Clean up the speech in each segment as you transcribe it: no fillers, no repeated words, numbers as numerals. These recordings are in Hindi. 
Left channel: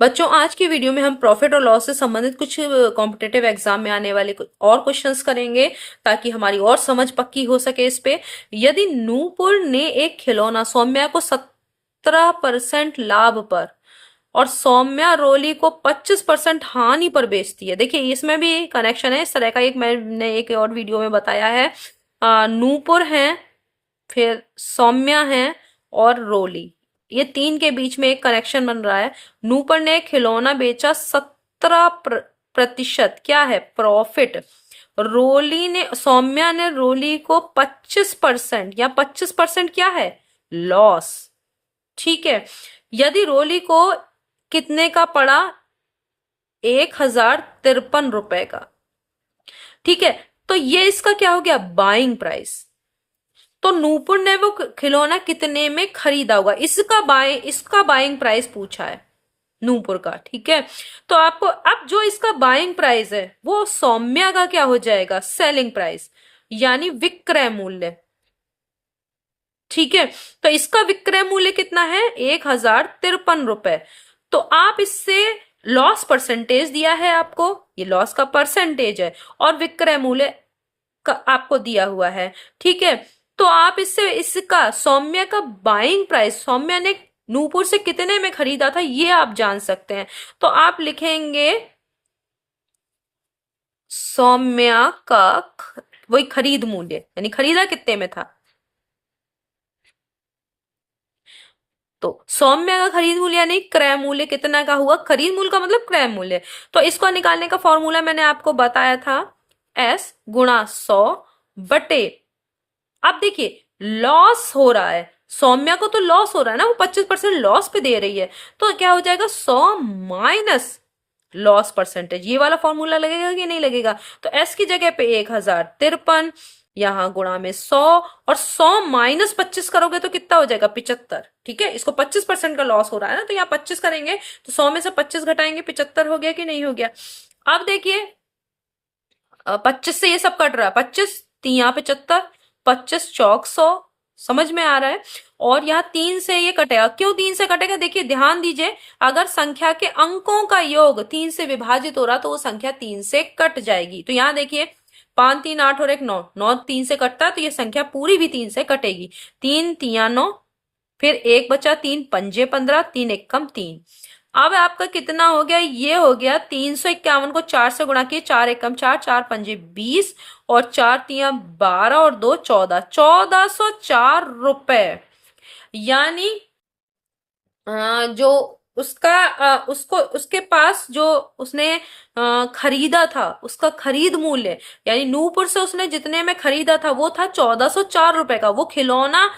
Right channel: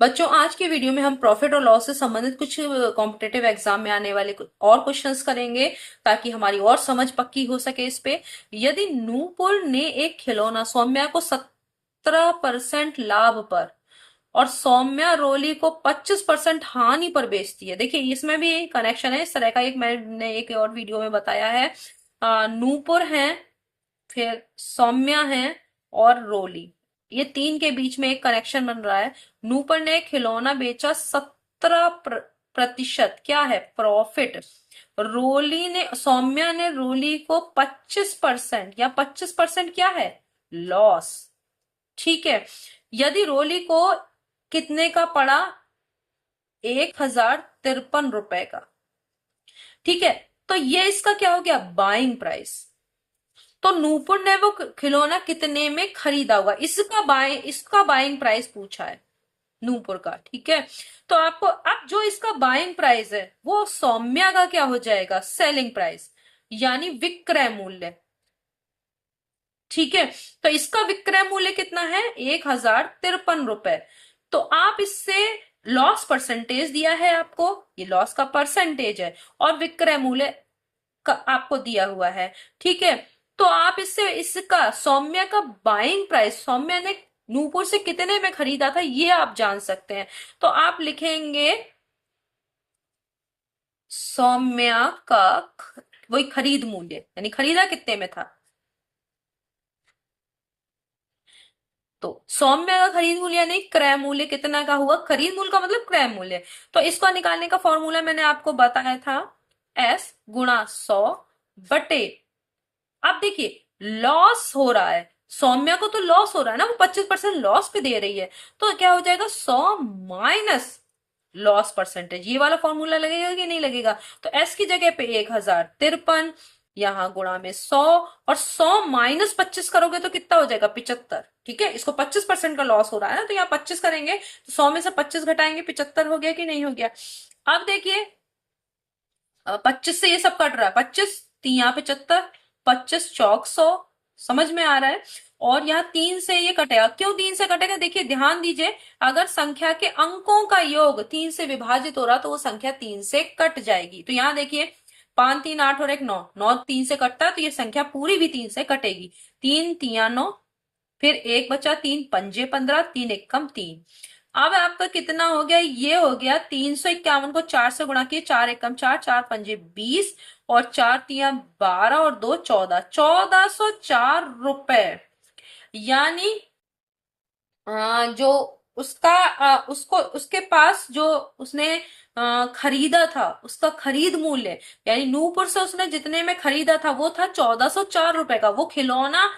बच्चों, आज की वीडियो में हम प्रॉफिट और लॉस से संबंधित कुछ कॉम्पिटेटिव एग्जाम में आने वाले कुछ और क्वेश्चंस करेंगे, ताकि हमारी और समझ पक्की हो सके इस पे। यदि नूपुर ने एक खिलौना सौम्या को 17% लाभ पर और सौम्या रोली को 25% हानि पर बेचती है। देखिए, इसमें भी कनेक्शन है। इस तरह का एक मैंने एक और वीडियो में बताया है। नूपुर है, फिर सौम्या है और रोली, ये तीन के बीच में एक कनेक्शन बन रहा है। नूपुर ने खिलौना बेचा 17% क्या है, प्रॉफिट। सौम्या ने रोली को 25% या 25% क्या है, लॉस। ठीक है। यदि रोली को कितने का पड़ा, 1053 रुपए का। ठीक है। तो ये इसका क्या हो गया, बाइंग प्राइस। तो नूपुर ने वो खिलौना कितने में खरीदा होगा, इसका बाइंग प्राइस पूछा है नूपुर का। ठीक है। तो आपको अब जो इसका बाइंग प्राइस है वो सौम्या का क्या हो जाएगा, सेलिंग प्राइस, यानी विक्रय मूल्य। ठीक है। तो इसका विक्रय मूल्य कितना है, 1053 रुपए। तो आप इससे लॉस परसेंटेज दिया है आपको, ये लॉस का परसेंटेज है, और विक्रय मूल्य का आपको दिया हुआ है। ठीक है। तो आप इससे इसका सौम्या का बाइंग प्राइस, सौम्या ने नूपुर से कितने में खरीदा था, ये आप जान सकते हैं। तो आप लिखेंगे सौम्या का वही खरीद मूल्य, यानी खरीदा कितने में था। तो सौम्य का खरीद मूल्य यानी क्रय मूल्य कितना का हुआ, खरीद मूल्य का मतलब क्रय मूल्य। तो इसको निकालने का फॉर्मूला मैंने आपको बताया था, S गुणा 100 बटे। अब देखिए, लॉस हो रहा है, सौम्या को तो लॉस हो रहा है ना, वो 25% लॉस पे दे रही है। तो क्या हो जाएगा, 100 माइनस लॉस परसेंटेज। ये वाला फॉर्मूला लगेगा कि नहीं लगेगा। तो एस की जगह पे 1053, यहां गुणा में 100, और 100 माइनस 25 करोगे तो कितना हो जाएगा, 75। ठीक है। इसको 25% का लॉस हो रहा है ना, तो यहाँ 25 करेंगे तो 100 में से 25 घटाएंगे, 75 हो गया कि नहीं हो गया। अब देखिए, 25 से ये सब कट रहा है, 25 तिया 75, 25 चौक 100। समझ में आ रहा है। और यहाँ 3 से ये कटेगा, क्यों 3 से कटेगा, देखिए ध्यान दीजिए। अगर संख्या के अंकों का योग 3 से विभाजित हो रहा तो वो संख्या 3 से कट जाएगी। तो यहाँ देखिए, 5 3 8 और 1 9, 9 3 से कटता है तो ये संख्या पूरी भी 3 से कटेगी। 3 तिया 9, फिर एक बचा, 3 पंजे 15, 3 एक कम 3। अब आपका कितना हो गया, ये हो गया 351 को 4 से गुणा किए, 4 एक कम 4, 4 पंजे 20, और 4 तिया 12 और 2 14, 1404 रुपए। यानी जो उसको उसके पास जो उसने खरीदा था, उसका खरीद मूल्य, यानी नूपुर से उसने जितने में खरीदा था वो था 1404 रुपए का। वो खिलौना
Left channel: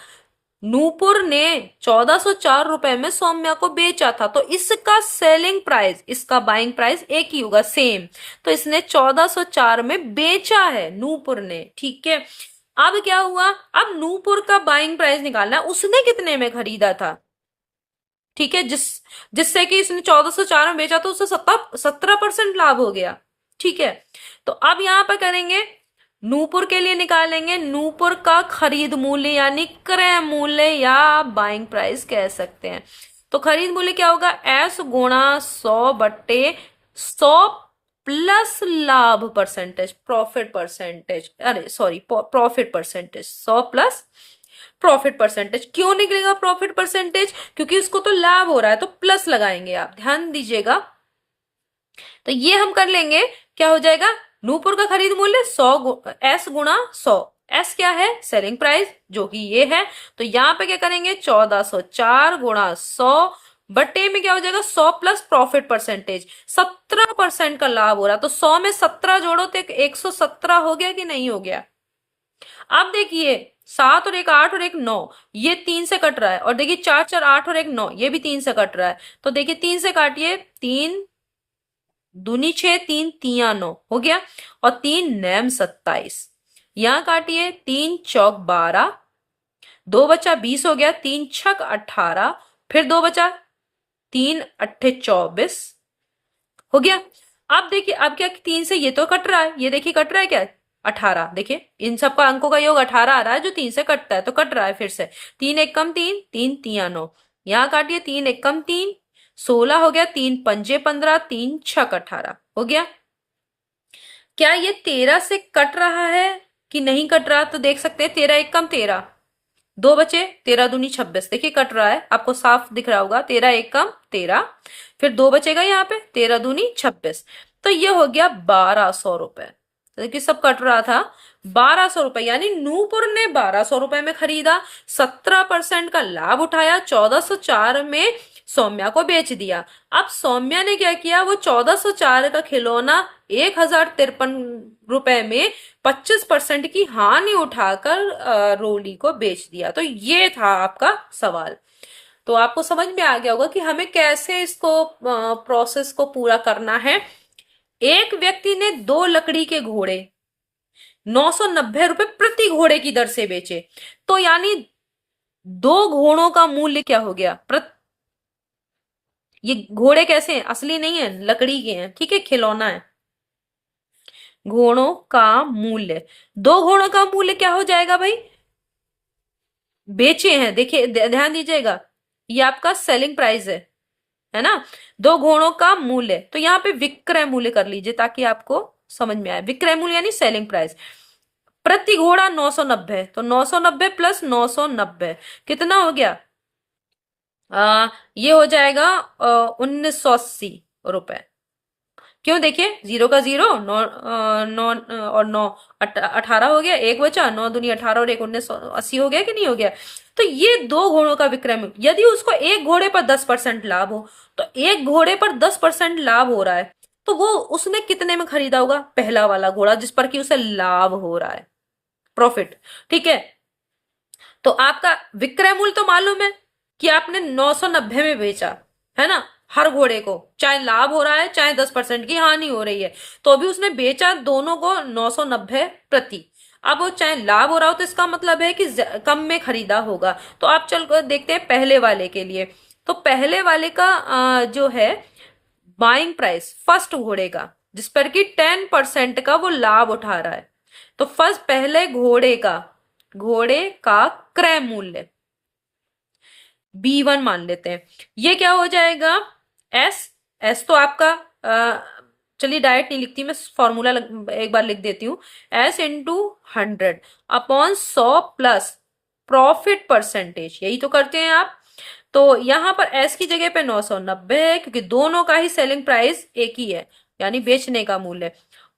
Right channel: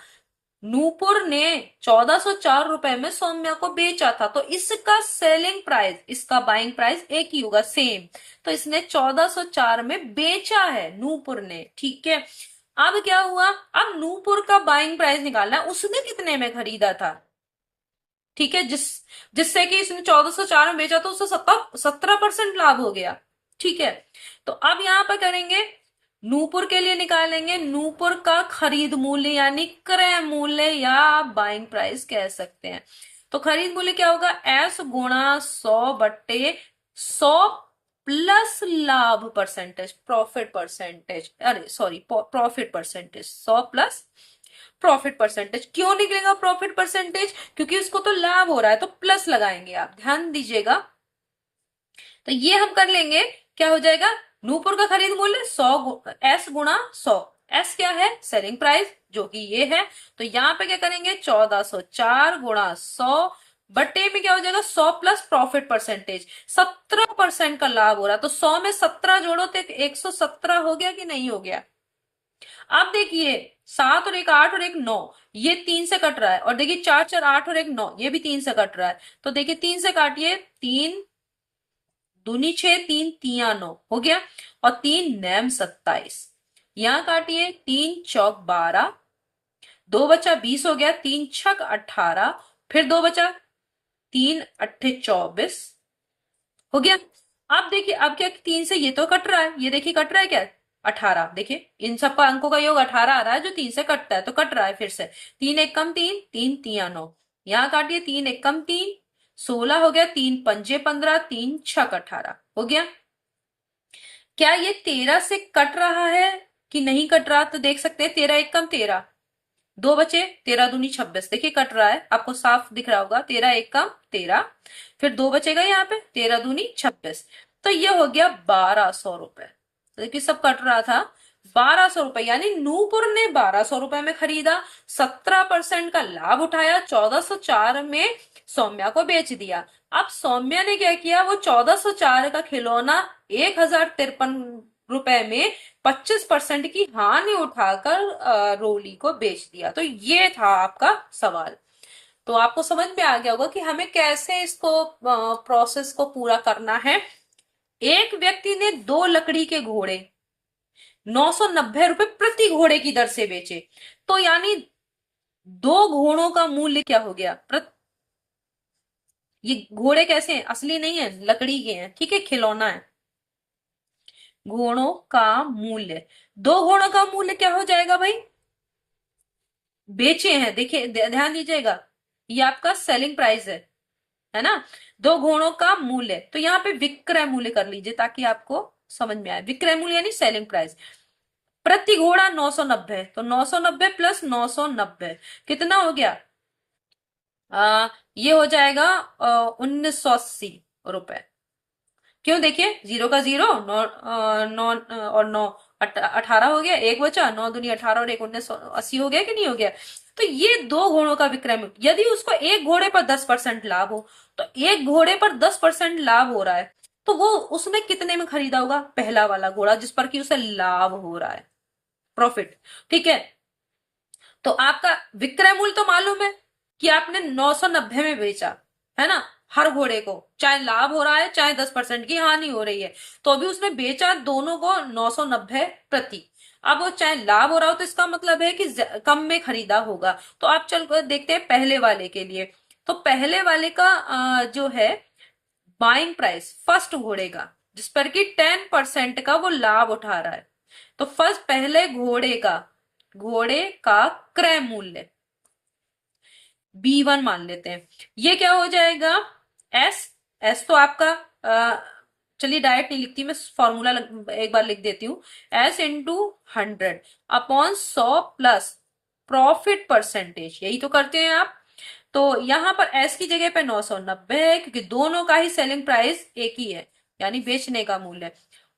नूपुर ने 1404 रुपए में सौम्या को बेचा था। तो इसका सेलिंग प्राइस, इसका बाइंग प्राइस एक ही होगा, सेम। तो इसने 1404 में बेचा है नूपुर ने। ठीक है। अब क्या हुआ, अब नूपुर का बाइंग प्राइस निकालना है, उसने कितने में खरीदा था। ठीक है। जिससे कि इसने 1404 में बेचा तो उससे 17% लाभ हो गया। ठीक है। तो अब यहां पर करेंगे, नूपुर के लिए निकालेंगे नूपुर का खरीद मूल्य, यानी क्रय मूल्य, या बाइंग प्राइस कह सकते हैं। तो खरीद मूल्य क्या होगा, एस गुणा 100 बट्टे 100 प्लस लाभ परसेंटेज, प्रॉफिट परसेंटेज, अरे sorry, profit percentage, 100 plus profit percentage. क्यों निकलेगा प्रॉफिट परसेंटेज, क्योंकि उसको तो लाभ हो रहा है तो प्लस लगाएंगे, आप ध्यान दीजिएगा। तो ये हम कर लेंगे, क्या हो जाएगा, नूपुर का खरीद मूल्य 100 एस गुणा 100। एस क्या है, सेलिंग प्राइस, जो कि ये है। तो यहाँ पे क्या करेंगे, 1404 गुणा 100 बटे में क्या हो जाएगा, 100 प्लस प्रॉफिट परसेंटेज, 17% का लाभ हो रहा है। तो 100 में 17 जोड़ो तो 117 हो गया कि नहीं हो गया। अब देखिए, 7 और एक 8 और एक 9, ये 3 से कट रहा है। और देखिए 4 4 8 और एक 9, ये भी 3 से कट रहा है। तो देखिए 3 से काटिए, 3 दूनी 6, 3 तिया 9 हो गया, और 3 नैम 27। यहां काटिए, 3 चौक 12, 2 बचा 20 हो गया, 3 छक 18, फिर 2 बचा, 3 अट्ठे 24 हो गया। अब देखिए, अब क्या, 3 से ये तो कट रहा है, ये देखिए कट रहा है क्या, 18। देखिए इन सबका अंकों का योग 18 आ रहा है, जो 3 से कटता है, तो कट रहा है फिर से। 3 एक कम 3, 3 तिया 9, यहाँ काटिए, 3 एक कम 3, 16 हो गया, 3 पंजे 15, 3 छक 18 हो गया। क्या ये 13 से कट रहा है कि नहीं कट रहा? तो देख सकते हैं 13 एक कम 13, दो बचे, 13 दूनी 26, देखिए कट रहा है, आपको साफ दिख रहा होगा, 13 एक कम 13, फिर दो बचेगा यहाँ पे, 13 दूनी 26, तो ये हो गया 1200 रुपए। तो देखिए सब कट रहा था, 1200 रुपए, यानी नूपुर ने 1200 रुपए में खरीदा, 17% का लाभ उठाया, 1404 में सौम्या को बेच दिया। अब सौम्या ने क्या किया, वो 1404 का खिलौना 1053 रुपए में 25% की हानि उठाकर रोली को बेच दिया। तो ये था आपका सवाल। तो आपको समझ में आ गया होगा कि हमें कैसे इसको प्रोसेस को पूरा करना है। एक व्यक्ति ने दो लकड़ी के घोड़े 990 रुपए प्रति घोड़े की दर से बेचे, तो यानी दो घोड़ों का मूल्य क्या हो गया? ये घोड़े कैसे हैं? असली नहीं है, लकड़ी के हैं, ठीक है, खिलौना है। घोड़ों का मूल्य, दो घोड़ों का मूल्य क्या हो जाएगा भाई? बेचे हैं, देखिए ध्यान दीजिएगा, ये आपका सेलिंग प्राइस है ना। दो घोड़ों का मूल्य, तो यहाँ पे विक्रय मूल्य कर लीजिए ताकि आपको समझ में आए। विक्रय मूल्य यानी सेलिंग प्राइस, प्रति घोड़ा 990, तो 990 प्लस 990 कितना हो गया? ये हो जाएगा 1980 रुपए। क्यों? देखिए जीरो का जीरो, नौ नौ और नौ 18 हो गया, एक बचा, 9 दूनी 18 और एक 1980 हो गया कि नहीं हो गया? तो ये दो घोड़ों का विक्रय मूल्य, यदि उसको एक घोड़े पर 10% लाभ हो, तो एक घोड़े पर 10% लाभ हो रहा है, तो वो उसने कितने में खरीदा होगा? पहला वाला घोड़ा जिस पर कि उसे लाभ हो रहा है, प्रॉफिट, ठीक है। तो आपका विक्रय मूल्य तो मालूम है कि आपने 990 में बेचा, है ना, हर घोड़े को, चाहे लाभ हो रहा है चाहे 10% की हानि हो रही है, तो अभी उसने बेचा दोनों को 990 प्रति। अब वो चाहे लाभ हो रहा हो तो इसका मतलब है कि कम में खरीदा होगा। तो आप चल कर देखते हैं पहले वाले के लिए। तो पहले वाले का जो है बाइंग प्राइस फर्स्ट घोड़े का, जिस पर कि 10% का वो लाभ उठा रहा है, तो फर्स्ट पहले घोड़े का क्रय मूल्य B1 मान लेते हैं। ये क्या हो जाएगा? एस, एस तो आपका चलिए डायरेक्ट नहीं लिखती मैं, फॉर्मूला एक बार लिख देती हूँ। S into 100 upon 100 plus profit percentage, यही तो करते हैं आप। तो यहां पर एस की जगह पे 990 है, क्योंकि दोनों का ही सेलिंग प्राइस एक ही है, यानी बेचने का मूल्य।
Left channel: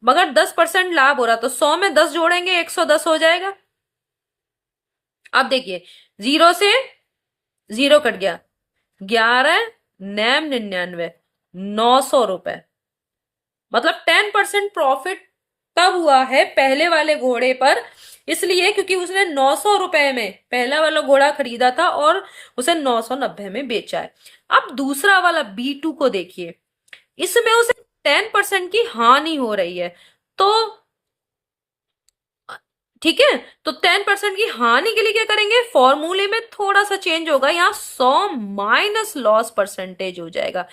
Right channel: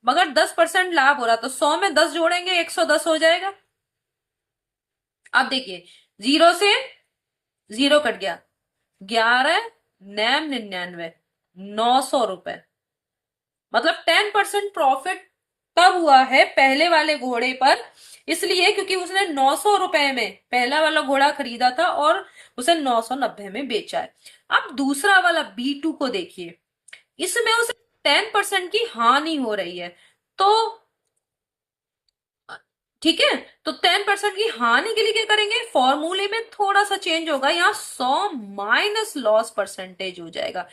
मगर 10% लाभ हो रहा, तो 100 में 10 जोड़ेंगे 110 हो जाएगा। अब देखिए, जीरो से जीरो कट गया, 11 नैम 99, 900 रुपए, मतलब 10% प्रॉफिट तब हुआ है पहले वाले घोड़े पर, इसलिए क्योंकि उसने 900 रुपए में पहला वाला घोड़ा खरीदा था और उसे 990 में बेचा है। अब दूसरा वाला B2 को देखिए, इसमें उसे 10% की हानि हो रही है, तो ठीक है, तो 10% की हानि के लिए क्या करेंगे? फॉर्मूले में थोड़ा सा चेंज होगा, यहाँ 100 माइनस लॉस परसेंटेज हो जाएगा।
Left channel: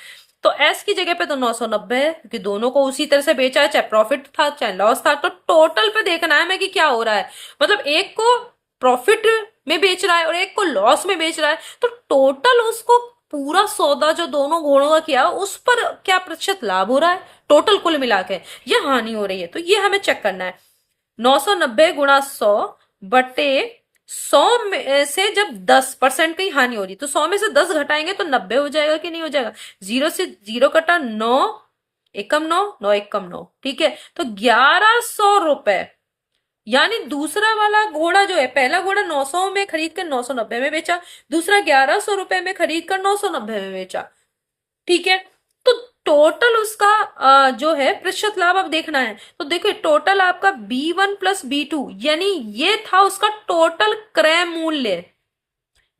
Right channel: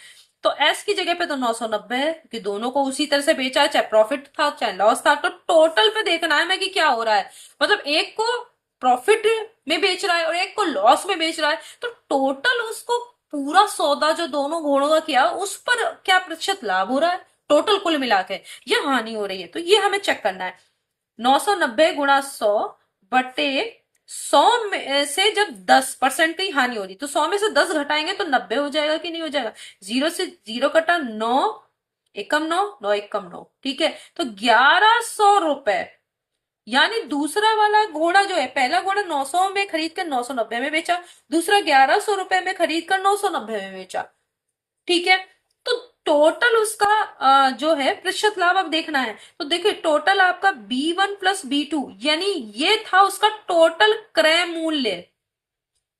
तो एस की जगह पे तो 990 है, क्योंकि दोनों को उसी तरह से बेचा है, चाहे प्रॉफिट था चाहे लॉस था। तो टोटल पे देखना है मैं कि क्या हो रहा है, मतलब एक को प्रॉफिट में बेच रहा है और एक को लॉस में बेच रहा है, तो टोटल उसको पूरा सौदा जो दोनों घोड़ों का किया उस पर क्या प्रतिशत लाभ हो रहा है, टोटल कुल मिला के, ये हानि हो रही है। तो ये हमें चेक करना है। 990 गुणा 100 बटे 100 में से जब 10% की हानि हो रही, तो 100 में से 10 घटाएंगे तो 90 हो जाएगा कि नहीं हो जाएगा? जीरो से जीरो कटा, 9 एकम 9, 9 एकम 9, ठीक है। तो 1100 रुपए, यानी दूसरा वाला घोड़ा जो है, पहला घोड़ा 900 में खरीद कर 990 में बेचा, दूसरा 1100 रुपए में खरीद कर 990 में बेचा, ठीक है। तो टोटल उसका जो है प्रतिशत लाभ अब देखना है। तो देखो टोटल आपका B1 प्लस B2, यानी ये था उसका टोटल क्रय मूल्य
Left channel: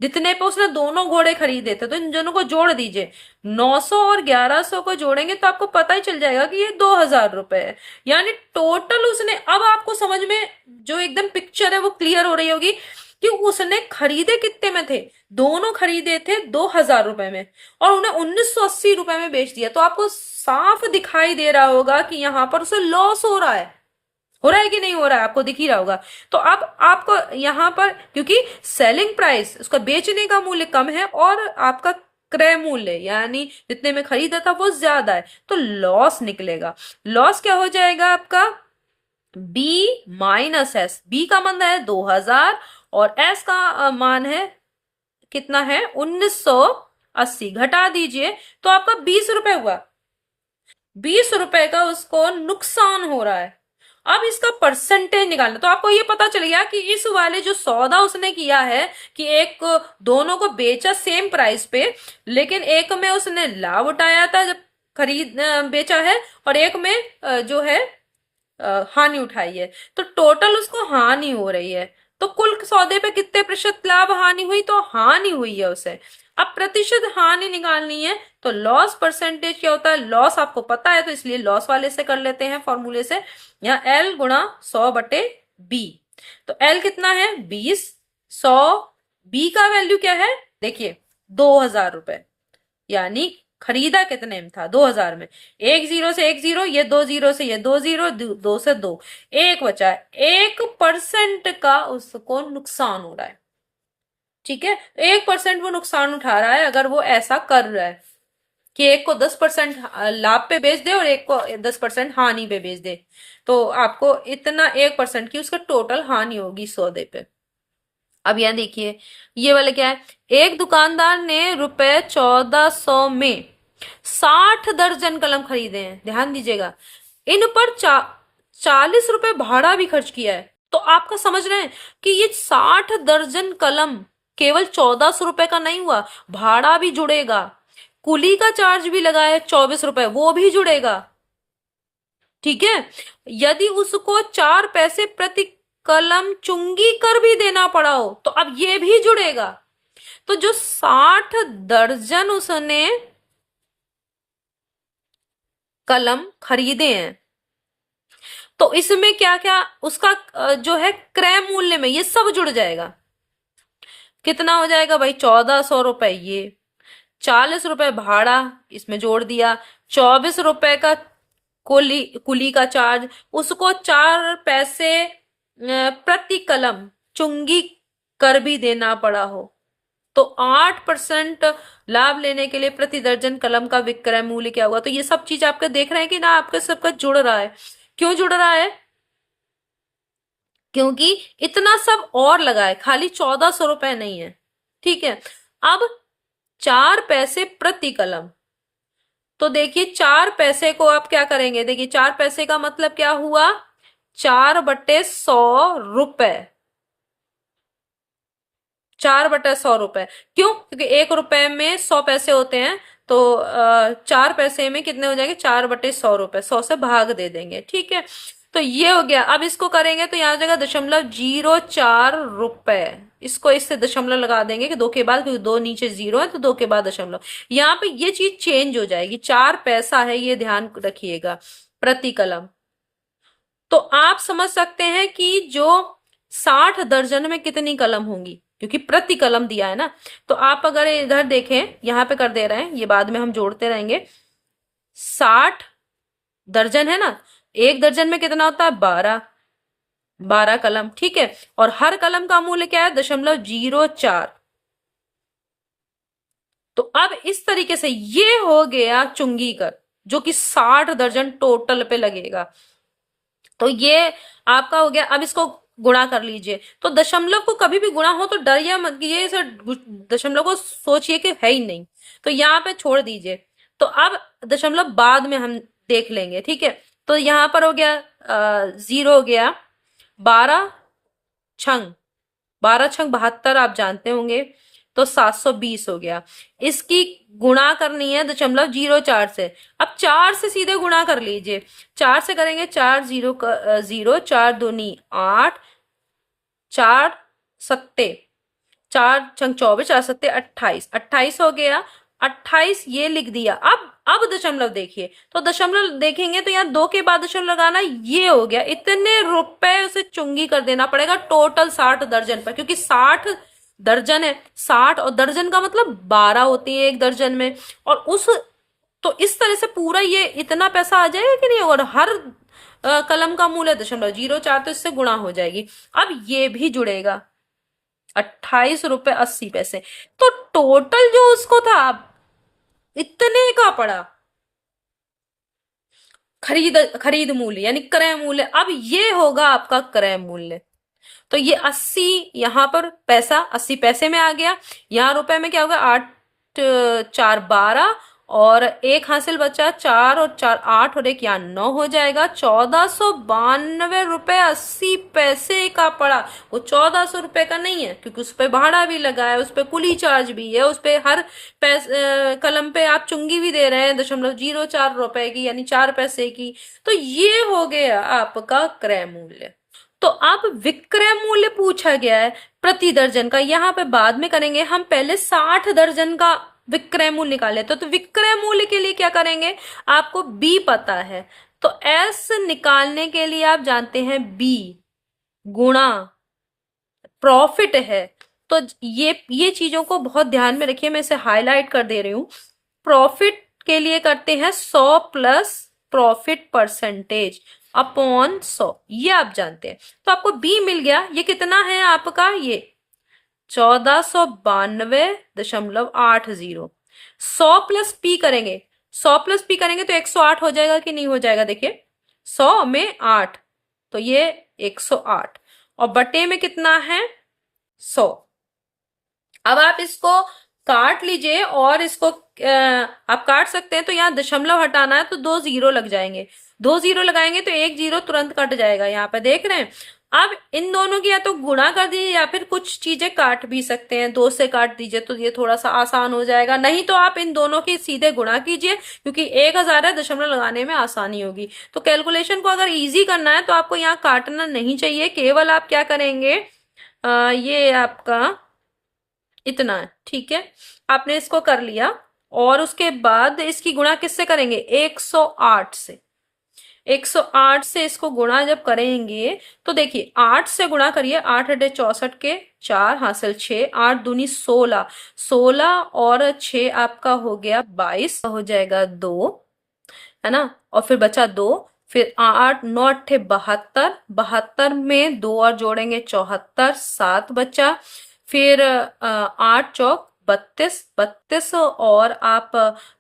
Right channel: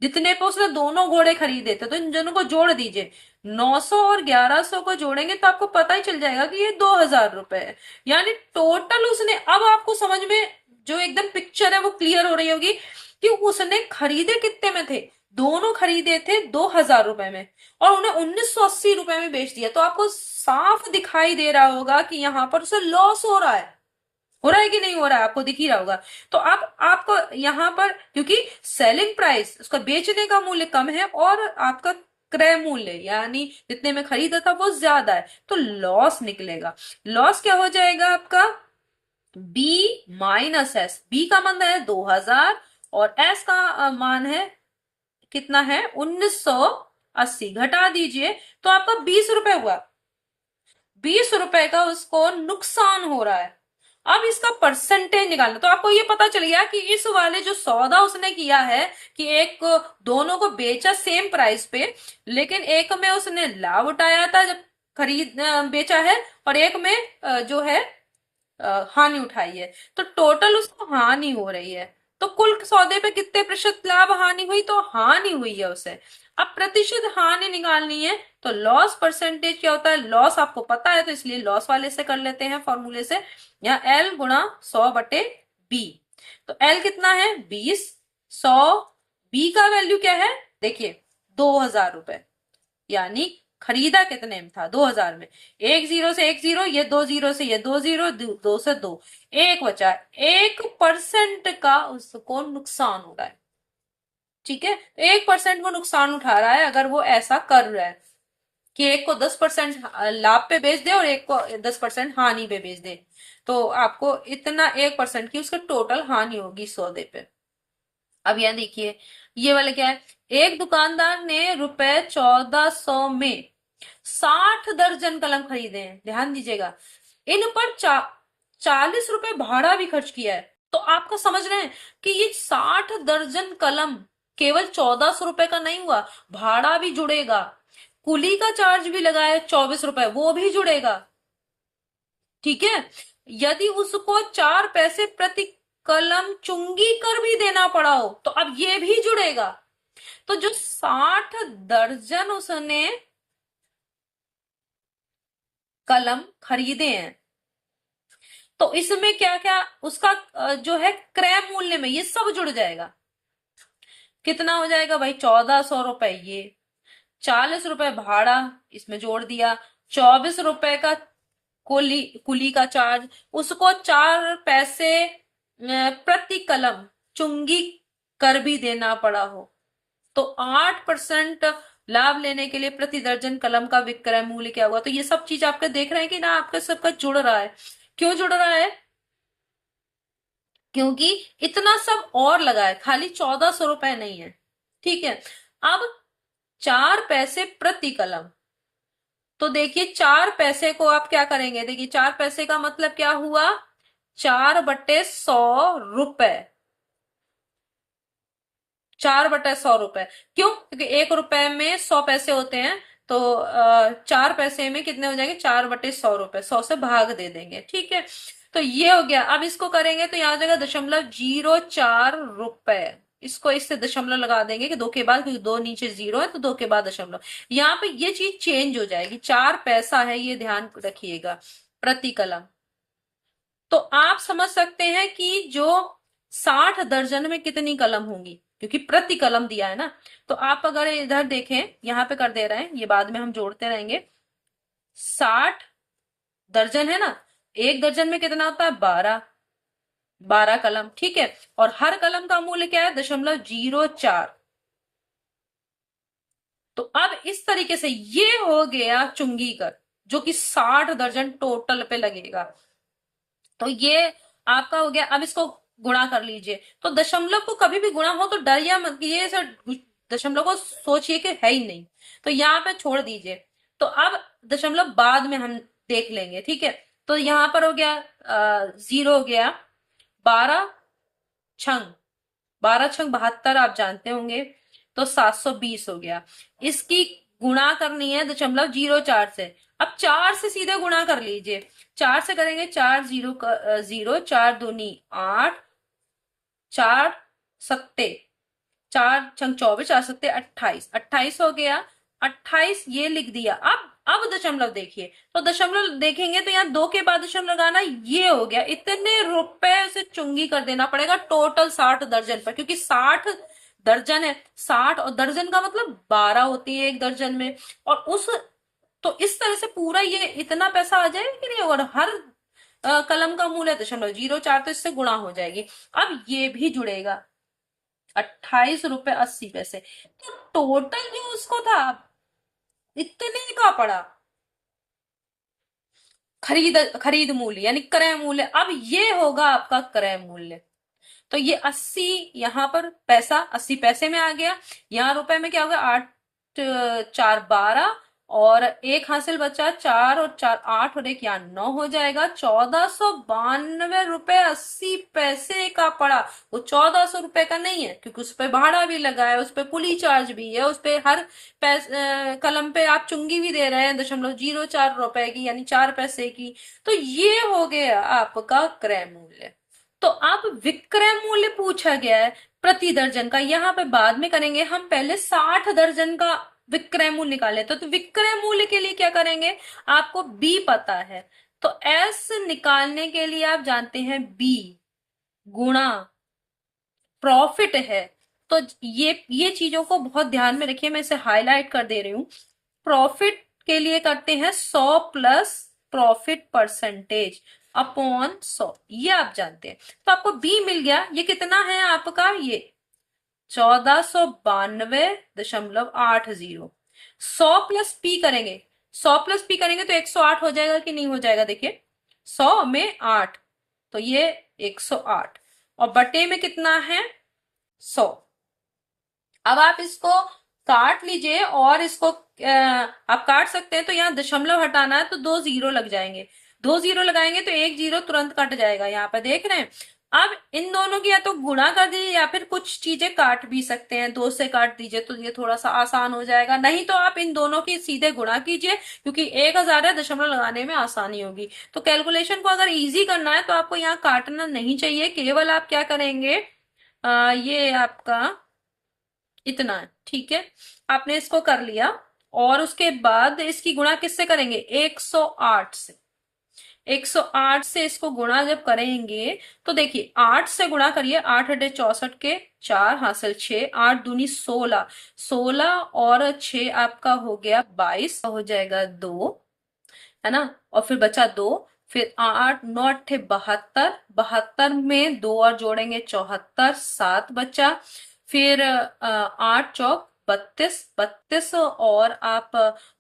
जितने पे उसने दोनों घोड़े खरीदे थे। तो इन दोनों को जोड़ दीजिए, 900 और 1100 को जोड़ेंगे तो आपको पता ही चल जाएगा कि ये 2000 रुपए है। यानी टोटल उसने, अब आपको समझ में जो एकदम पिक्चर है वो क्लियर हो रही होगी कि उसने खरीदे कितने में थे? दोनों खरीदे थे 2000 रुपए में और उन्हें 1980 रुपए में बेच दिया। तो आपको साफ दिखाई दे रहा होगा कि यहाँ पर उसे लॉस हो रहा है कि नहीं हो रहा है, आपको दिख ही रहा होगा। तो अब आपको यहाँ पर, क्योंकि सेलिंग प्राइस उसका बेचने का मूल्य कम है और आपका क्रय मूल्य यानी जितने में खरीदा था वो ज्यादा है, तो लॉस निकलेगा। लॉस क्या हो जाएगा आपका, बी माइनस एस। बी का मान है 2000 और एस का मान है कितना है, 1980। घटा दीजिए तो आपका 20 रुपए हुआ। 20 रुपए का उसको नुकसान हो रहा है। अब इसका परसेंटेज निकालना, तो आपको ये पता चल गया कि इस वाले जो सौदा उसने किया है कि एक दोनों को बेचा सेम प्राइस पे, लेकिन एक में उसने लाभ उठाया था जब खरीद बेचा है, और एक में जो है हानि उठाई है। तो टोटल उसको हानि हो रही है। तो कुल सौदे पे कितने प्रतिशत लाभ हानि हुई, तो हानि हुई है उसे। अब प्रतिशत हानि निकालनी है, तो लॉस परसेंटेज क्या होता है, लॉस आपको पता है तो इसलिए लॉस वाले से कर लेते हैं फॉर्मूले से। यहाँ एल गुणा 100/बी। तो एल कितना है 20, 100, बी का वैल्यू क्या है देखिए 2000 रुपए, यानी खरीदा कितने में था 2000 में। एक जीरो से एक जीरो, ये दो जीरो से ये दो जीरो, दो से दो, एक बचा। 1% का उसको नुकसान हो रहा है। ठीक है, 1% वो नुकसान उठा रहा है अगर वो ऐसा कर रहा है कि एक को 10% लाभ पे बेच दे और एक को 10% हानि पे बेच दे, तो आपको इतना 1% की उसका टोटल हानि होगी सौदे पे। अब यहाँ देखिए ये वाले क्या है, एक दुकानदार ने रुपए 1400 में 60 दर्जन कलम खरीदे हैं, ध्यान दीजिएगा। इन पर 40 रुपए भाड़ा भी खर्च किया है। तो आपका समझ रहे हैं कि ये 60 दर्जन कलम केवल 1400 रुपए का नहीं हुआ, भाड़ा भी जुड़ेगा, कुली का चार्ज भी लगा है 24 रुपए, वो भी जुड़ेगा। ठीक है, यदि उसको 4 पैसे प्रति कलम चुंगी कर भी देना पड़ा हो तो अब ये भी जुड़ेगा। तो जो 60 दर्जन उसने कलम खरीदे हैं, तो इसमें क्या क्या उसका जो है क्रय मूल्य में ये सब जुड़ जाएगा। कितना हो जाएगा भाई, 1400 रुपए, ये 40 रुपए भाड़ा इसमें जोड़ दिया, 24 रुपए का कुली कुली का चार्ज, उसको 4 पैसे प्रति कलम चुंगी कर भी देना पड़ा हो, तो 8% लाभ लेने के लिए प्रति दर्जन कलम का विक्रय मूल्य क्या हुआ। तो ये सब चीज आपके देख रहे हैं कि ना, आपका सबका जुड़ रहा है। क्यों जुड़ रहा है, क्योंकि इतना सब और लगा है, खाली 1400 रुपए नहीं है। ठीक है, अब 4 पैसे प्रति कलम, तो देखिए 4 पैसे को आप क्या करेंगे, देखिए 4 पैसे का मतलब क्या हुआ, 4/100 रुपए। 4/100 रुपए, क्यों, क्योंकि 1 रुपए में 100 पैसे होते हैं, तो 4 पैसे में कितने हो जाएंगे, 4/100 रुपए, 100 से भाग दे देंगे। ठीक है, तो ये हो गया। अब इसको करेंगे तो यहाँ हो जाएगा 0.04 रुपए। इसको इससे दशमलव लगा देंगे कि दो के बाद, क्योंकि दो नीचे जीरो है तो दो के बाद दशमलव। यहाँ पे ये चीज चेंज हो जाएगी, 4 पैसा है ये ध्यान रखिएगा प्रति कलम। तो आप समझ सकते हैं कि जो 60 दर्जन में कितनी कलम होंगी, क्योंकि प्रति कलम दिया है ना। तो आप अगर इधर देखें, यहाँ पे कर दे रहे हैं, ये बाद में हम जोड़ते रहेंगे। 60 दर्जन है ना, एक दर्जन में कितना होता है, 12 कलम। ठीक है, और हर कलम का मूल्य क्या है, 0.04। तो अब इस तरीके से ये हो गया चुंगी कर, जो कि 60 दर्जन टोटल पे लगेगा। तो ये आपका हो गया। अब इसको गुणा कर लीजिए, तो दशमलव को कभी भी गुणा हो तो डर या मत, ये सर दशमलव को सोचिए कि है ही नहीं, तो यहाँ पे छोड़ दीजिए। तो अब दशमलव बाद में हम देख लेंगे। ठीक है, तो यहाँ पर हो गया 0 हो गया, 12 छंग 72 आप जानते होंगे, तो 720 हो गया। इसकी गुणा करनी है 0.04 से। अब 4 से सीधे गुणा कर लीजिए, 4 से करेंगे, 4 0, 4 दूनी 8, 4 सत्ते, 4 छंग 24, 4 सत्ते 28, 28 हो गया। 28 ये लिख दिया। अब दशमलव देखिए, तो दशमलव देखेंगे तो यहाँ दो के बाद दशमलव लगाना, ये हो गया। इतने रुपए उसे चुंगी कर देना पड़ेगा टोटल 60 दर्जन पर, क्योंकि 60 दर्जन है, 60 और दर्जन का मतलब 12 होती है एक दर्जन में। और उस, तो इस तरह से पूरा ये इतना पैसा आ जाएगा कि नहीं, और हर कलम का मूल्य 0.04, तो इससे गुणा हो जाएगी। अब ये भी जुड़ेगा, 28 रुपए 80 पैसे। तो टोटल जो उसको था इतने का पड़ा खरीद खरीद मूल्य यानी क्रय मूल्य। अब ये होगा आपका क्रय मूल्य। तो ये 80 यहां पर पैसा 80 पैसे में आ गया। यहाँ रुपए में क्या होगा, 8 4 12 और एक हासिल बचा 4 और 4 8 और एक यहाँ 9 हो जाएगा। 1492 रुपए 80 पैसे का पड़ा। वो 1400 रुपए का नहीं है क्योंकि उस पे भाड़ा भी लगा है, उस पे कुली चार्ज भी है, उस पे हर कलम पे आप चुंगी भी दे रहे हैं 0.04 रुपए की यानी 4 पैसे की। तो ये हो गया आपका क्रय मूल्य। तो अब विक्रय मूल्य पूछा गया है प्रति दर्जन का, यहाँ पे बाद में करेंगे, हम पहले 60 दर्जन का विक्रय मूल्य निकाले। तो विक्रय मूल्य के लिए क्या करेंगे, आपको बी पता है तो एस निकालने के लिए आप जानते हैं बी गुणा प्रॉफिट है। तो ये चीजों को बहुत ध्यान में रखिए, मैं इसे हाईलाइट कर दे रही हूं। प्रॉफिट के लिए करते हैं 100 प्लस प्रॉफिट परसेंटेज अपॉन 100, ये आप जानते हैं। तो आपको बी मिल गया, ये कितना है आपका, ये 1492.80। 100 प्लस पी करेंगे, 100 प्लस पी करेंगे तो 108 हो जाएगा कि नहीं हो जाएगा, देखिए 100 में 8 तो ये 108 और बटे में कितना है 100। अब आप इसको काट लीजिए और इसको आप काट सकते हैं। तो यहाँ दशमलव हटाना है तो 2 जीरो लग जाएंगे, 2 जीरो लगाएंगे तो 1 जीरो तुरंत कट जाएगा, यहाँ पे देख रहे हैं। अब इन दोनों की या तो गुणा कर दीजिए या फिर कुछ चीजें काट भी सकते हैं, 2 से काट दीजिए तो ये थोड़ा सा आसान हो जाएगा। नहीं तो आप इन दोनों की सीधे गुणा कीजिए क्योंकि 1000 है, दशमलव लगाने में आसानी होगी। तो कैलकुलेशन को अगर इजी करना है तो आपको यहाँ काटना नहीं चाहिए, केवल आप क्या करेंगे, ये आपका इतना है, ठीक है। आपने इसको कर लिया और उसके बाद इसकी गुणा किससे करेंगे, 108 से। 108 से इसको गुणा जब करेंगे तो देखिए 8 से गुणा करिए, 8 अठे 64 के 4 हासिल 6, 8 दूनी 16, 16 और 6 आपका हो गया 22 हो जाएगा 2, है ना। और फिर बचा 2, फिर 8 9 अट्ठे 72, 72 में 2 और जोड़ेंगे 74, 7 बचा। फिर 8 चौक 32, 32 और आप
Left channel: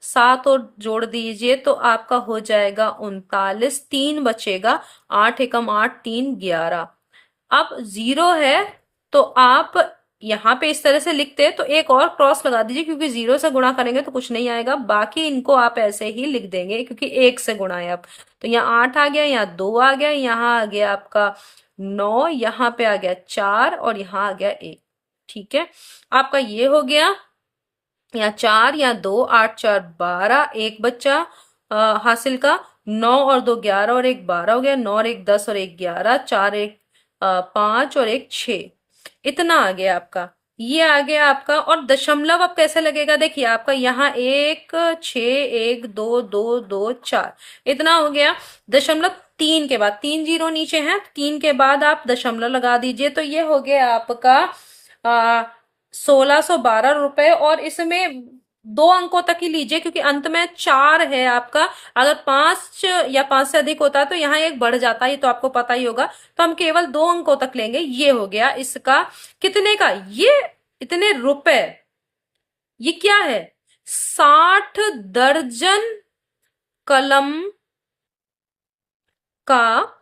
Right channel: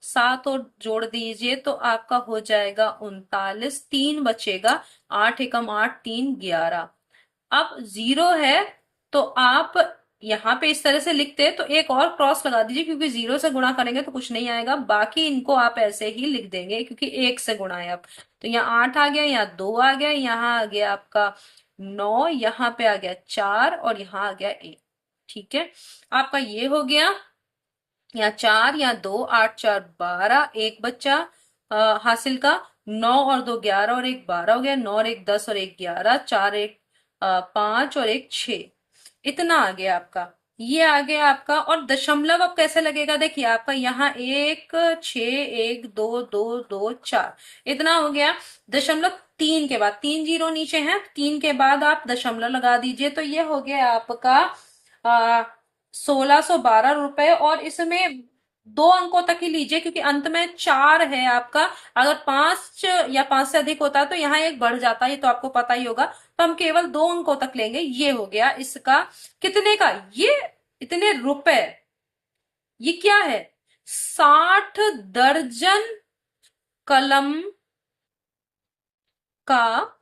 7 और जोड़ दीजिए तो आपका हो जाएगा 39, 3 बचेगा, 8 एकम 8 3 11। अब जीरो है तो आप यहाँ पे इस तरह से लिखते हैं तो एक और क्रॉस लगा दीजिए क्योंकि जीरो से गुणा करेंगे तो कुछ नहीं आएगा, बाकी इनको आप ऐसे ही लिख देंगे क्योंकि एक से गुणा है। अब तो यहाँ 8 आ गया, यहाँ 2 आ गया, यहाँ आ गया आपका 9, यहाँ पे आ गया 4 और यहाँ आ गया 1, ठीक है। आपका ये हो गया, यहाँ 4 यहाँ 2, 8 4 12, एक बच्चा हासिल का, 9 और 2 11 और एक 12 हो गया, 9 और एक 10 और एक 11, 4 एक 5 और एक 6, इतना आ गया आपका। ये आ गया आपका। और दशमलव अब कैसे लगेगा, देखिए आपका यहाँ 1 6 1 2 2 2 4 इतना हो गया। दशमलव 3 के बाद 3 जीरो नीचे हैं, 3 के बाद आप दशमलव लगा दीजिए तो ये हो गया आपका 1612 रुपए। और इसमें 2 अंकों तक ही लीजिए क्योंकि अंत में 4 है आपका। अगर 5 या 5 से अधिक होता है तो यहाँ एक बढ़ जाता है, ये तो आपको पता ही होगा। तो हम केवल 2 अंकों तक लेंगे। ये हो गया इसका कितने का, ये इतने रुपए। ये क्या है, 60 दर्जन कलम का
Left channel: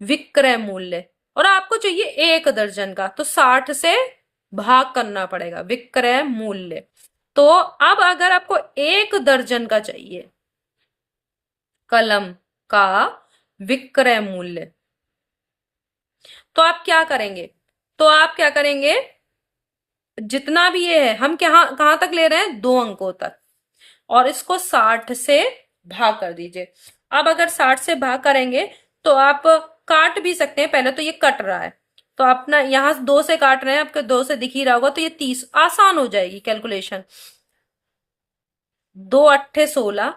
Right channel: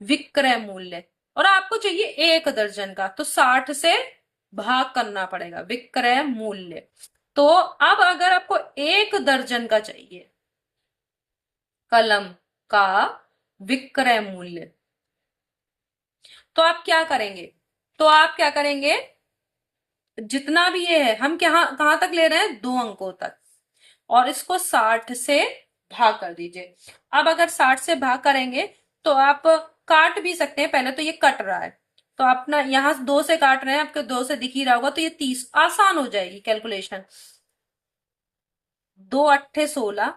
विक्रय मूल्य। और आपको चाहिए 1 दर्जन का तो 60 से भाग करना पड़ेगा विक्रय मूल्य। तो अब अगर आपको 1 दर्जन का चाहिए कलम का विक्रय मूल्य तो आप क्या करेंगे, तो आप क्या करेंगे, जितना भी ये है हम कहां तक ले रहे हैं, 2 अंकों तक, और इसको 60 से भाग कर दीजिए। अब अगर 60 से भाग करेंगे तो आप काट भी सकते हैं, पहले तो ये कट रहा है तो अपना यहां 2 से काट रहे हैं, आपके 2 से दिख ही रहा होगा तो ये 30 आसान हो जाएगी कैलकुलेशन। 2 अट्ठे 16,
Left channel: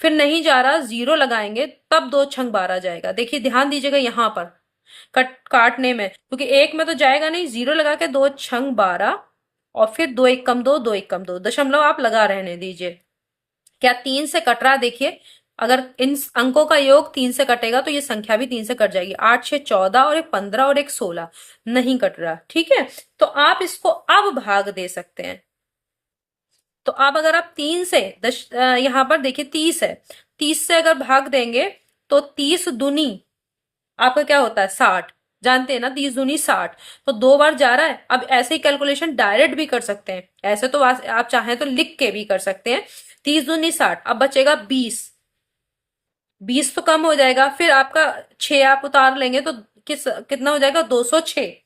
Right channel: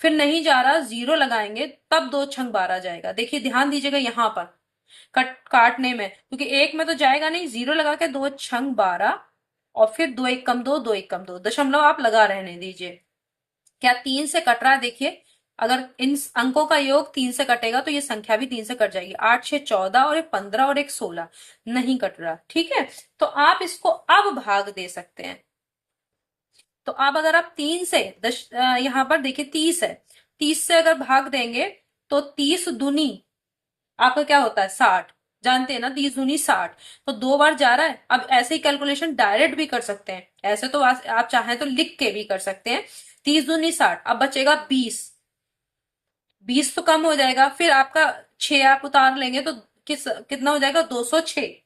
फिर नहीं जा रहा, जीरो लगाएंगे तब 2 छंग 12 जाएगा। देखिए ध्यान दीजिएगा यहाँ पर काटने में, क्योंकि एक में तो जाएगा नहीं, जीरो लगा के 2 छंग 12 और फिर 2 एक कम 2, 2 एक कम 2, दशमलव आप लगा रहने दीजिए। क्या 3 से कट रहा, देखिए अगर इन अंकों का योग 3 से कटेगा तो ये संख्या भी 3 से कट जाएगी। 8 6 14 और एक 15 और एक 16, नहीं कट रहा, ठीक है। तो आप इसको अब भाग दे सकते हैं। तो अब अगर आप 3 से यहाँ पर देखिए 30 है, 30 से अगर भाग देंगे तो 30 दूनी आपका क्या होता है 60, जानते हैं ना, 30 दूनी 60, तो 2 बार जा रहा है। अब ऐसे ही कैलकुलेशन डायरेक्ट भी कर सकते हैं, ऐसे तो आप चाहें तो लिख के भी कर सकते हैं। 30 दूनी 60, अब बचेगा 20, 20 तो कम हो जाएगा, फिर आपका 6 आप उतार लेंगे तो कितना हो जाएगा 206।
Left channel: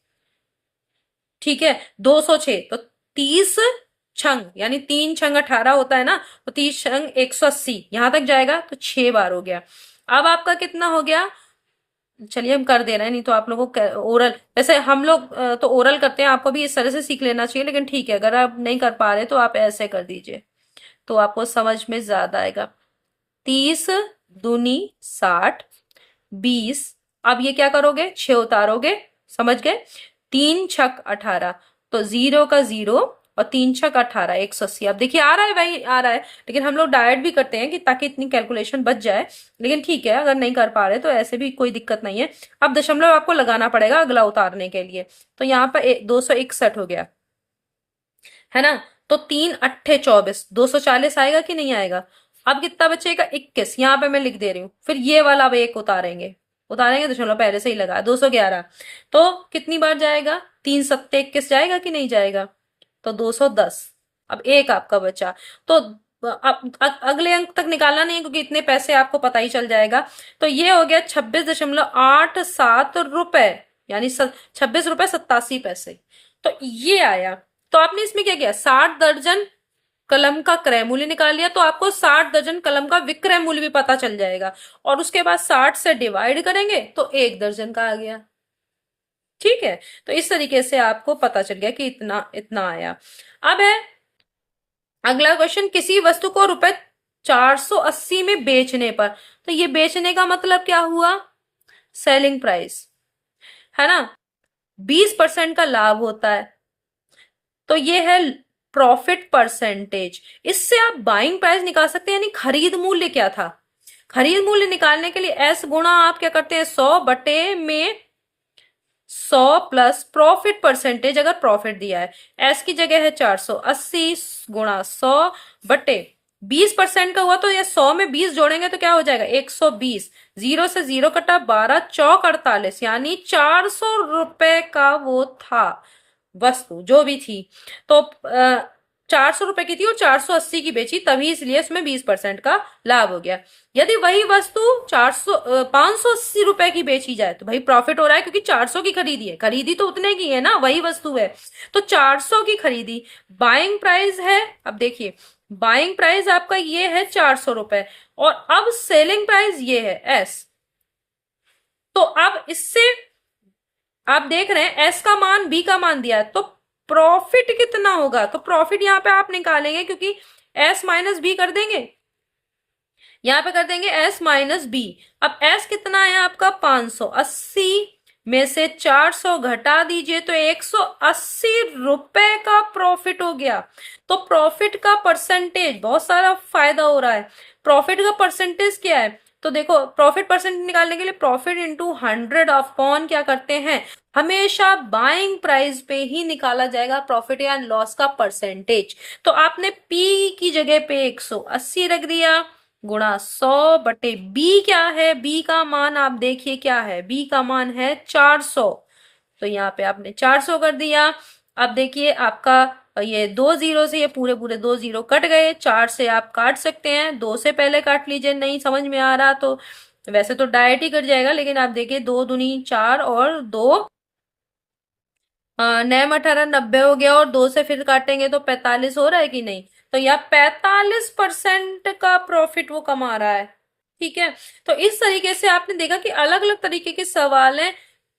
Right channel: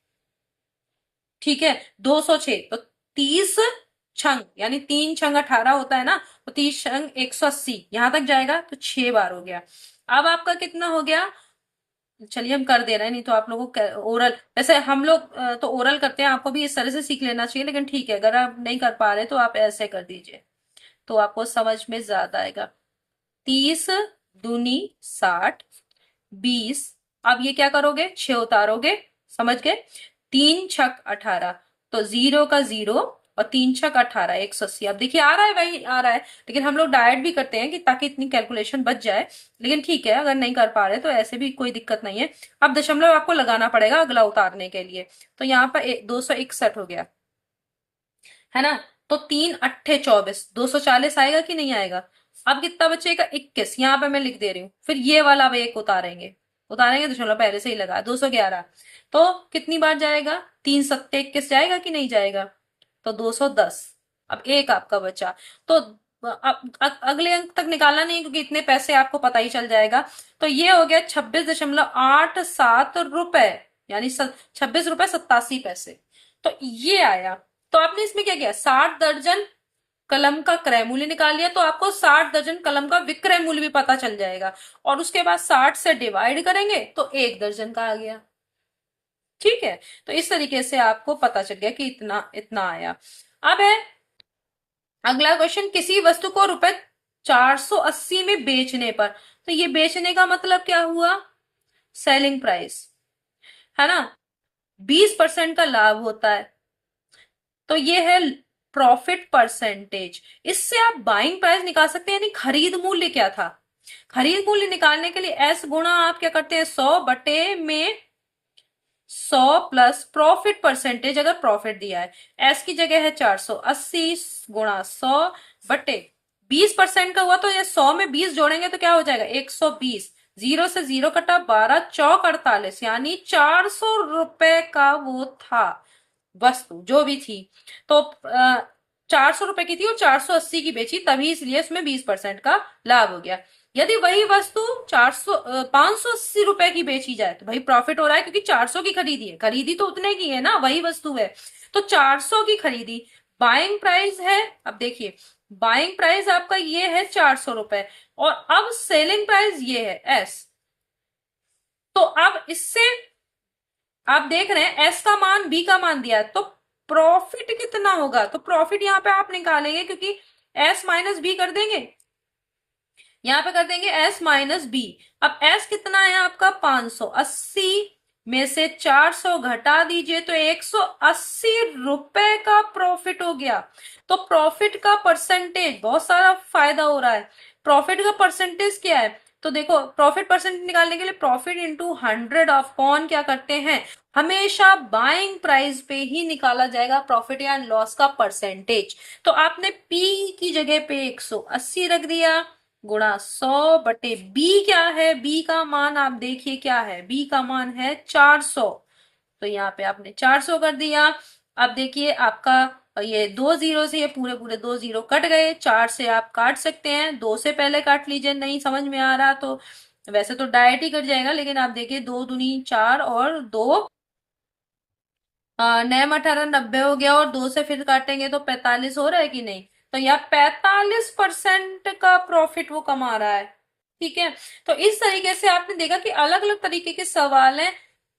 ठीक है, 206 तो 30 छंग यानी 3 छंग 18 होता है ना, तो 30 छंग 180 यहां तक जाएगा, तो 6 बार हो गया। अब आपका कितना हो गया, चलिए हम कर दे रहे हैं, नहीं तो आप लोगों को ओरल, वैसे हम लोग तो ओरल करते हैं, आपको भी इस तरह से सीख लेना चाहिए, लेकिन ठीक है अगर आप नहीं कर पा रहे तो आप ऐसे कर दीजिए, तो आपको समझ में ज्यादा आएगा। 30 दूनी 60, 20, अब ये क्या करोगे 6 उतारोगे, समझ गए, 3 छक 18, तो 0 का 0 और 3 छक 18 180। अब देखिए आ रहा है भाई, आ रहा है, लेकिन हम लोग डायरेक्ट भी करते हैं कि ताकि इतनी कैलकुलेशन बच जाए, लेकिन ठीक है अगर नहीं कर पा रहे तो ऐसे भी कोई दिक्कत नहीं है। अब दशमलव आपको लगाना पड़ेगा अगला उतारने के लिए, तो यहाँ पर 261 हो गया, है ना। तो 3 अट्ठे 24, 240 आएगा कि नहीं आएगा। अब कितना बचेगा 21, यहाँ पे मैं लिख दे रही हूँ, फिर ये वाला अब एक उतारेंगे, उतारेंगे दशमलव पहले से ही लगा 211, तो कितनी बार जाएगा 3 सत्ते 21 जाएगा कि नहीं जाएगा, तो 210। अब एक आपका बचा, तो अब अगले अंक तक निकालना नहीं है क्योंकि इतने पैसे आपको पता ही चल जाएगा। तो ये हो गया 26.87 रुपए, यानी 26 रुपए 87 पैसे, तो ये आया। तो आपने इसमें क्या किया, 60 दर्जन कलम का क्रय मूल्य निकाल लिया, तो आपको 60 दर्जन कलम का विक्रय मूल्य भी पता चल जाएगा, और उसके बाद 60 से डिवाइड करेंगे तो 1 दर्जन का आ गया। ठीक है, तो इस तरीके से आपको पता चल गया कि इतना इतना आया। अब है अगला क्वेश्चन, किसी वस्तु को रुपए 480 में बेचने पर, तो ये बेचने का मतलब क्या हुआ, सेलिंग प्राइस, है ना, 20% का लाभ होता है, तो ये है प्रॉफिट परसेंटेज। इससे आप बाइंग प्राइस निकाल सकते हैं, यानी खरीद मूल्य क्या था। खरीद मूल्य निकालने के लिए एस गुणा आप क्या करते हैं 100 प्लस प्रॉफिट परसेंटेज, अगर प्रॉफिट दिया है, एस की जगह है 480 गुणा 100/20% का हुआ, तो ये 100 में 20 जोड़ेंगे तो क्या हो जाएगा 120, 0 से 0 कटा 12 चौक 48, यानी 400 रुपए का वो था वस्तु जो भी थी। तो 400 रुपए की थी और 480 की बेची, तभी इसलिए उसमें 20% का लाभ हो गया। यदि वही वस्तु 580 रुपए की बेची जाए तो भाई प्रॉफिट हो रहा है, क्योंकि 400 की खरीदी है, खरीदी तो उतने की है ना, वही वस्तु है, तो 400 की खरीदी, बाइंग प्राइस है। अब देखिए बाइंग प्राइस आपका ये है 400 रुपए, और अब सेलिंग प्राइस ये है एस। तो अब इससे आप देख रहे हैं एस का मान बी का मान दिया है, तो प्रॉफिट कितना होगा, तो प्रॉफिट यहां पे आप निकालेंगे, क्योंकि एस माइनस बी कर देंगे, यहां पे कर देंगे एस माइनस बी। अब एस कितना है आपका 580 में से 400 घटा दीजिए तो 180 रुपए का प्रॉफिट हो गया। तो प्रॉफिट का परसेंटेज, बहुत सारा फायदा हो रहा है, प्रॉफिट का परसेंटेज क्या है, तो देखो प्रॉफिट परसेंट निकालने के लिए प्रॉफिट इंटू 100 अपॉन क्या करते हैं, हमेशा बाइंग प्राइस पे ही निकाला जाएगा प्रॉफिट या लॉस का परसेंटेज। तो आपने पी की जगह पे 180 रख दिया गुणा 100/बी क्या है, बी का मान आप देखिए क्या है, बी का मान है 400, तो यहाँ पे आपने 400 कर दिया। अब देखिए आपका ये 2 जीरो से ये पूरे पूरे 2 जीरो कट गए, 4 से आप काट सकते हैं, 2 से पहले काट लीजिए, नहीं समझ में आ रहा तो वैसे तो डायरेक्ट ही कट जाएगा, लेकिन आप देखिए 2 दूनी 4 और 2 नैम 18 90 हो गया, और 2 से फिर काटेंगे तो 45 हो रहा है कि नहीं, तो यहाँ 45% का प्रॉफिट वो कमा रहा है। ठीक है, तो इस तरीके से आपने देखा कि अलग अलग तरीके के सवाल हैं,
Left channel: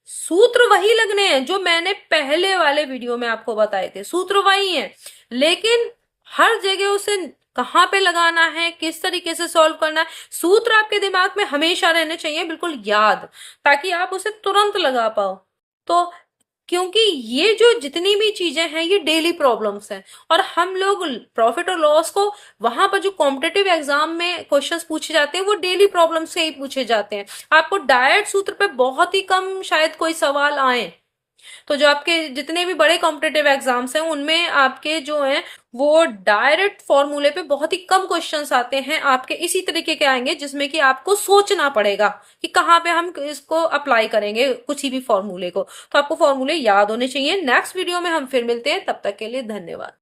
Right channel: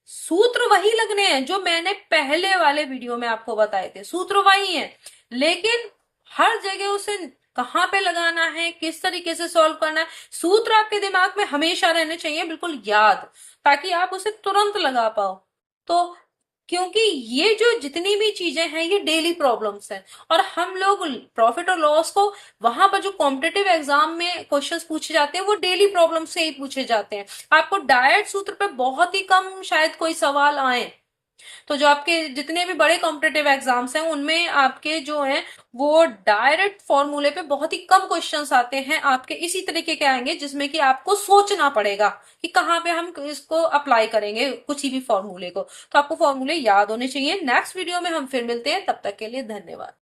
सूत्र वही लगने हैं जो मैंने पहले वाले वीडियो में आपको बताए थे, सूत्र वही हैं, लेकिन हर जगह उसे कहाँ पे लगाना है, किस तरीके से सॉल्व करना है, सूत्र आपके दिमाग में हमेशा रहने चाहिए बिल्कुल याद, ताकि आप उसे तुरंत लगा पाओ। तो क्योंकि ये जो जितनी भी चीजें हैं ये डेली प्रॉब्लम्स हैं, और हम लोग प्रॉफिट और लॉस को वहां पर जो कॉम्पिटेटिव एग्जाम में क्वेश्चंस पूछे जाते हैं वो डेली प्रॉब्लम से ही पूछे जाते हैं, आपको डायरेक्ट सूत्र पे बहुत ही कम शायद कोई सवाल आए। तो जो आपके जितने भी बड़े कॉम्पिटेटिव एग्जाम्स हैं उनमें आपके जो हैं वो डायरेक्ट फॉर्मूले पे बहुत ही कम क्वेश्चंस आते हैं, आपके इसी तरीके के आएंगे जिसमें कि आपको सोचना पड़ेगा कि कहाँ पे हम इसको अप्लाई करेंगे कुछ ही भी फॉर्मूले को। तो आपको फॉर्मूले याद होने चाहिए। नेक्स्ट वीडियो में हम फिर मिलते हैं, तब तक के लिए धन्यवाद।